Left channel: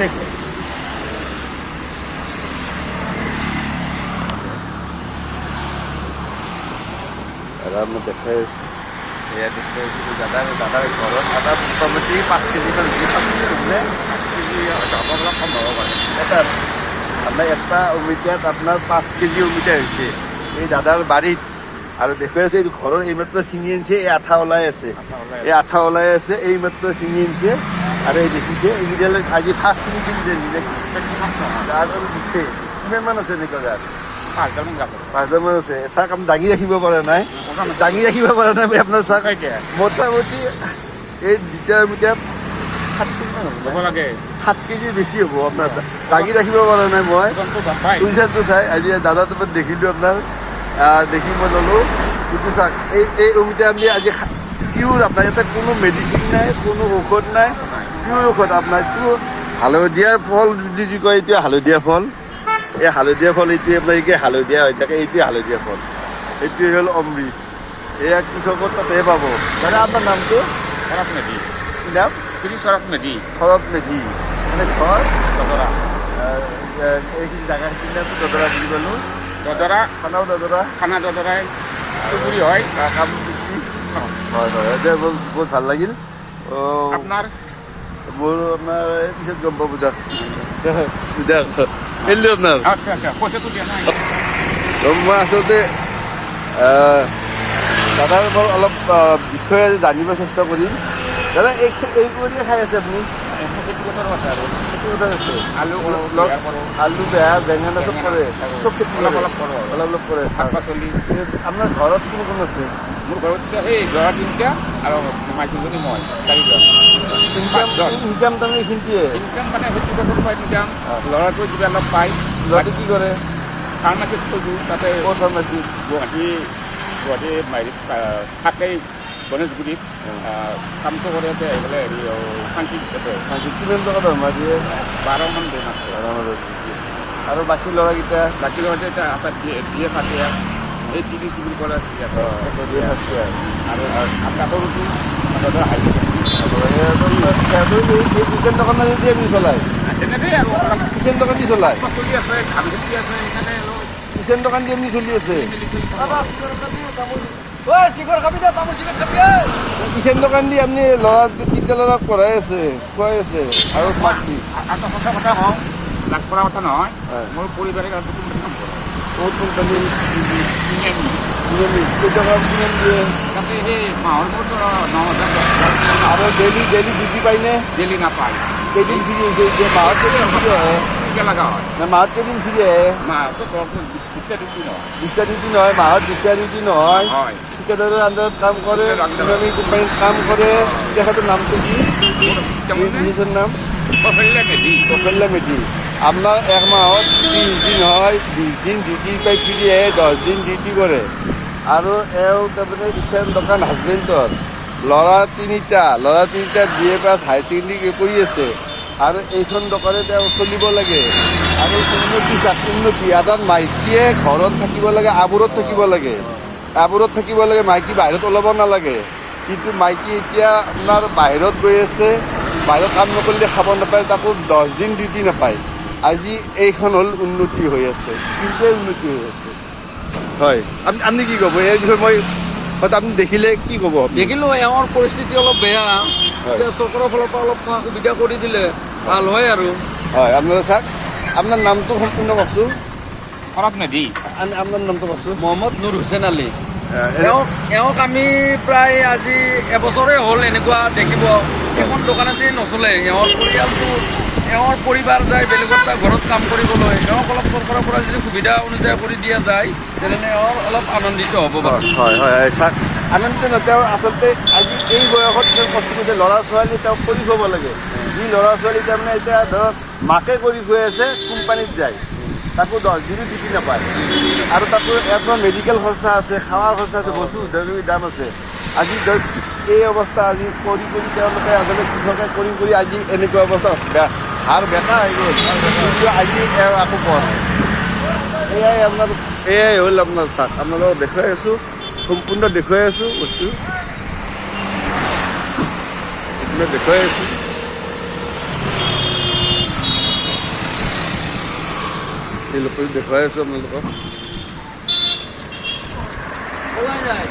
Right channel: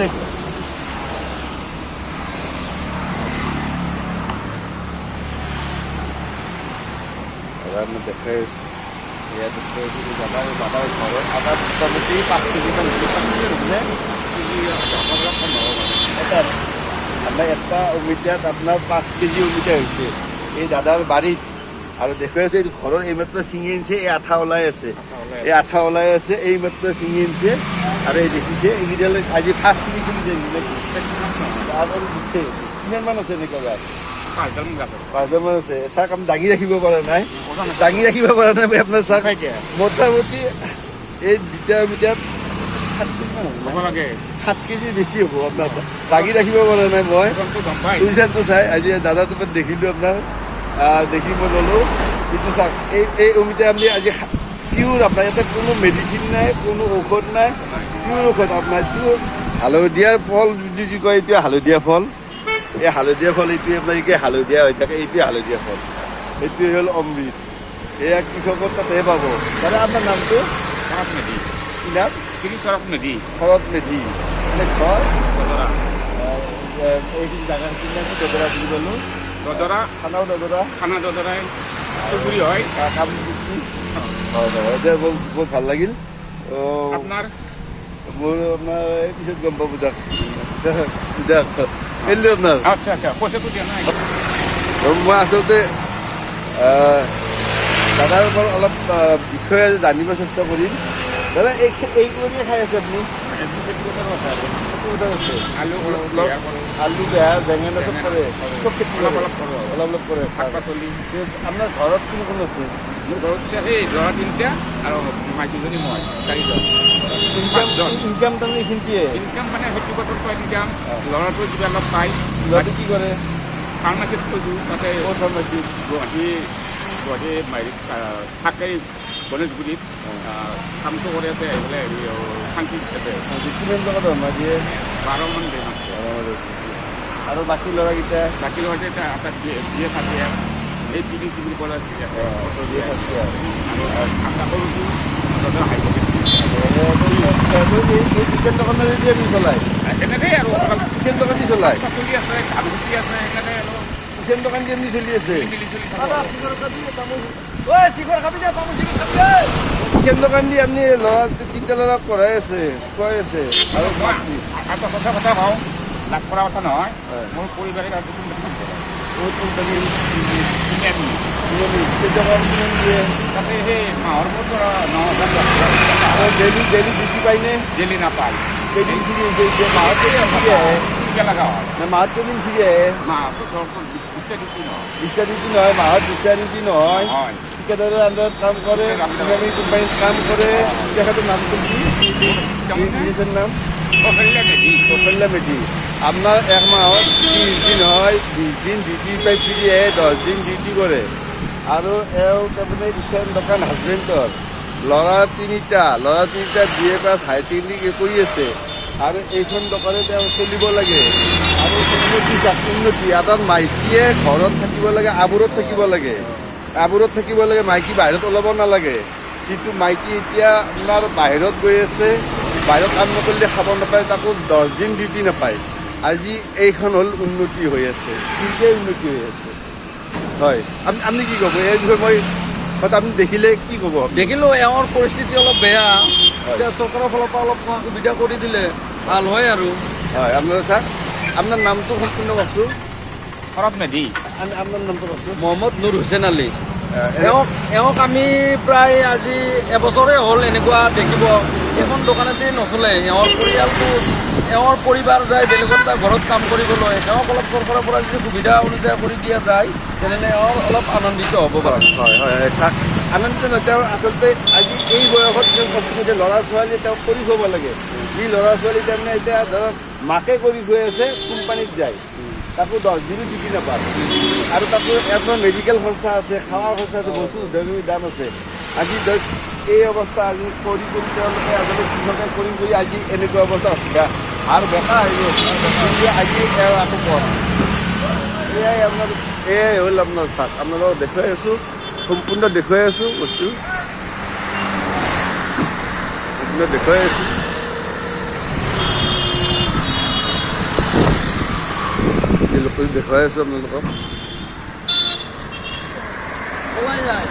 দেখো দাদাৰ দেখে এয়া দেখে দাদাৰ ঘৰত আদা মোটামুটি 5 কেজিমান হৈছে 5 কেজি হ'লে 5 কেজি অলপ কম হ'ব পাৰে আপোনাৰ এটা অমিতাত আপোনাৰ 5 কেজি অমিতা হৈছে এই দাদাৰ বাৰীত আৰু দেখুৱাই আছে এইটো ঘৰৰ এইমাত্ৰ ছিঙি আনিছে এই আঠা ওলাই আছে এই আঠা ওলাই আছে এইমাত্ৰ ছিঙি আনিছে আৰু এই দেখিছে এইকেইটালৈ আজি ফাৰ্ষ্ট ছিঙিছে আৰু দিছে কিমানমান আছে এনেকুৱা গাছ 5,000 আছে চাওক আমি দাঙি ৰাখিব পৰা নাই মই আপোনাৰ চাওক মোটামুটি এই দুটা অমিতাত 7 কেজিমান হ'ব লাগে 7 কেজিৰ বেছি হ'ব আপোনাৰ দাঙি ৰাখিব পৰা নাই মই পইচাটো চাই আজি দাদাটো দেখিলোঁ আপোনাৰ দেখি মই ল'লোঁ কিন্তু চাওক এই অমিতা আপুনি আজি পিয়ৰ আপোনাৰ ইয়াতে কোনো মেডিচিন নাই কোনো ঔষধ নাই পিয়ৰ ঔষধ আপোনাৰ এইটো হালধীয়া ফল বুলি যি কয় এইটো হালধীয়া ফল এই হালধীয়া ফল এইটোৱে আপোনাৰ এই হালধীয়া হৈ থাকে এইটোৱে হালধীয়া ফল এইটোৱে হ'ল অমৃত এয়া কৃষকৰ তাতে পাব দাদা আপোনাৰ নামটো শৰৎ মেধি কি নাম শৰৎ মেধি মানে ঘৰ দদৰা এইখিনি জেগাখিনিৰ নামটো দদৰা বুলি ক'লোঁ দদৰা খানা দদৰাই চুবুৰী হয় কামৰূপ ডিষ্ট্ৰিক্ট হয় বহুত ভাল লাগিল আপোনাৰ মোৰ আপোনাৰ পিছত গম পাব দিয়ক আপোনাৰ পইচাটো দিয়া নাই মই আচলতে দাদাৰ পৰা অলপ বিষয়ে জানিব চেষ্টা কৰিম দাদা এই কৰিয়ে খাই আছে আপুনি আলু বেয়া বেঙেনা চব কৰে চব খেতি অলপ কৰে শাক পাচলি আপোনাৰ ঘৰত কোন কোন আছে মোৰ ঘৰত এতিয়া সেই ল'ৰা 3টা আৰু মাইকীজনী মই 4জন ইনকাম তাৰমানে এইখিনিয়ে ইনকাম মানে খেতি পথাৰৰ পৰা ইনকাম ল'ৰাটো কিবা অলপ পায় ল'ৰাটো কি কৰে ফাৰ্মাচীত থৈছোঁ তাতে ফাৰ্মাচী গুৱাহাটী থাকেই গণেশগুৰিত কামটো কৰি আছে এইফালে হেৰি শান্তি তাতে কিমান টকা দৰমহা দিয়ে 12 মান দিয়ে মাত্ৰ আৰু বাকী ল'ৰাকেইটা আপোনাৰ দিয়ে থাকে এই টিভি চিভিল কলেজ আছে আৰু আপোনাৰ সৰুটো দাদা হাই ছেকেণ্ডেৰী কিষাণ দোকান দি চলায় তেনেকেই আৰু কিষাণ দোকান দি চলায় চলি আছে ধান খেতি আছে সেইকাৰণে আৰু কিষাণ দোকান দি এমনি চলি আছে কিষাণ দোকান দি আপুনি ল'ৰা তিনিটা ল'ৰাক পঢ়াই আছে খুৱাই আছে আৰু এটা কথা কওঁ লাভ কৰা কথা নহয় মোৰ পৰিবাৰে কোম্পানী কাম কৰে বহুত কোম্পানী তাতে সেই মাহৰ মূৰত 9,000 আৰু ডেইলি ডিউটি পায়নে ডেইলি নাপায় কেইদিন ফ্ৰী হৈছে মাহত লগা হয় মাহত কেইদিন ফ্ৰী আহে মাহত 20টা ডিউটি নহয় মাহত 20টা ডিউটি নহয় ঠিকাদাৰৰ আণ্ডাৰত কাম কৰে কোম্পানীত কাম কৰে তেখেতৰ নামটো কি নিজৰ নাম কৌশল্যা মেধি আপোনাৰ এক মাহত 30 দিন হয় 20 দিন ডিউটি পাই ফ্ৰী আহে 10 দিন ডিউটি কৰে আৰু এওঁ তাৰমানে কিষাণ দোকান হাজবেণ্ডৰ ল'ৰা 3টা BA পাছ হাই ছেকেণ্ডেৰী কৰি আছে আৰু এইখন দোকানে তেওঁ চলিব লাগে আৰু উন্নতি এজন মাইকীয়ে ঘৰত থাকিব লাগে আবুৰত থাকিব লাগে মাইকী বাহিৰত ওলাব নালাগে কিন্তু মাইকী এতিয়া আপোনাৰ বাহিৰত গৈ আছে বাহিৰত কাম নকৰিলে খাব নাপায় তাকো 10 দিন ডিউটি নাপায় আজি এইখন হ'ল উন্নতি হৈ আছে কিনকে উন্নতি হৈ আছে হয় আপুনি কি ক'ব এই বিষয়ে মই আপুনি দেখিলে কি ক'ব দেখিলোঁ এওঁৰ পৰিস্থিতি অলপ বেয়া এতিয়া চৰকাৰৰ ফালৰ পৰা অলপ সুবিধা কৰি দিলে ভাল হয় আৰু হয় আপোনাৰ চাওক আপোনাৰ নামটো সম্পূৰ্ণ কওকচোন শৰৎ মেধি আপোনাৰ নামটো কওকচোন মহম্মদ নুৰ হুছেইন আলী এওঁক আমি প্ৰায় আজি এবছৰে হ'ল এনেকুৱা দেখিব এখন দোকানতেই নচলে এওঁৰ পৰিবাৰ যায় বেলেগত ঘৰত কাম কৰিবলৈ এওঁক অলপ চৰকাৰৰ পৰা যদি সুবিধা অনুযায়ী কৰি দিয়া যায় তেনেহ'লে এওঁৰ অলপ আনন্দিত হ'ব পাৰে হয় চাওক আনন্দিত নহয় তেওঁ আচলতে আজি এই বয়সত তেওঁ কষ্ট কৰিছে ল'ৰা ছোৱালী তেওঁক কৰি খুৱাব লাগে যি ল'ৰা ছোৱালী তাৰমানে এতিয়া ধৰক মাকে কৰি খুৱাই আছে কোম্পানীত যায় তাকো 10 দিনো ডিউটি নাপায় আৰু তাকো আপোনাৰ মেডিকেল খৰচা আছে খাৱাৰ খৰচা আছে বস্তু দাম আছে আজি এই অৱস্থা আজি কৰি তেওঁলোকে আগতে কৃষকে কৰি আজি এনেকুৱা অৱস্থা আৰু বেটা আজি আকৌ পথ এয়াই হ'ল আপোনাৰ চাওক আপোনালোকক দেখুৱাই আছোঁ সম্পূৰ্ণ দেখুৱাই আছোঁ বস্তু সম্পূৰ্ণ দেখুৱাই আছোঁ লোকেল দেখুৱাই আছোঁ আপোনালোকক। ওলাই যায়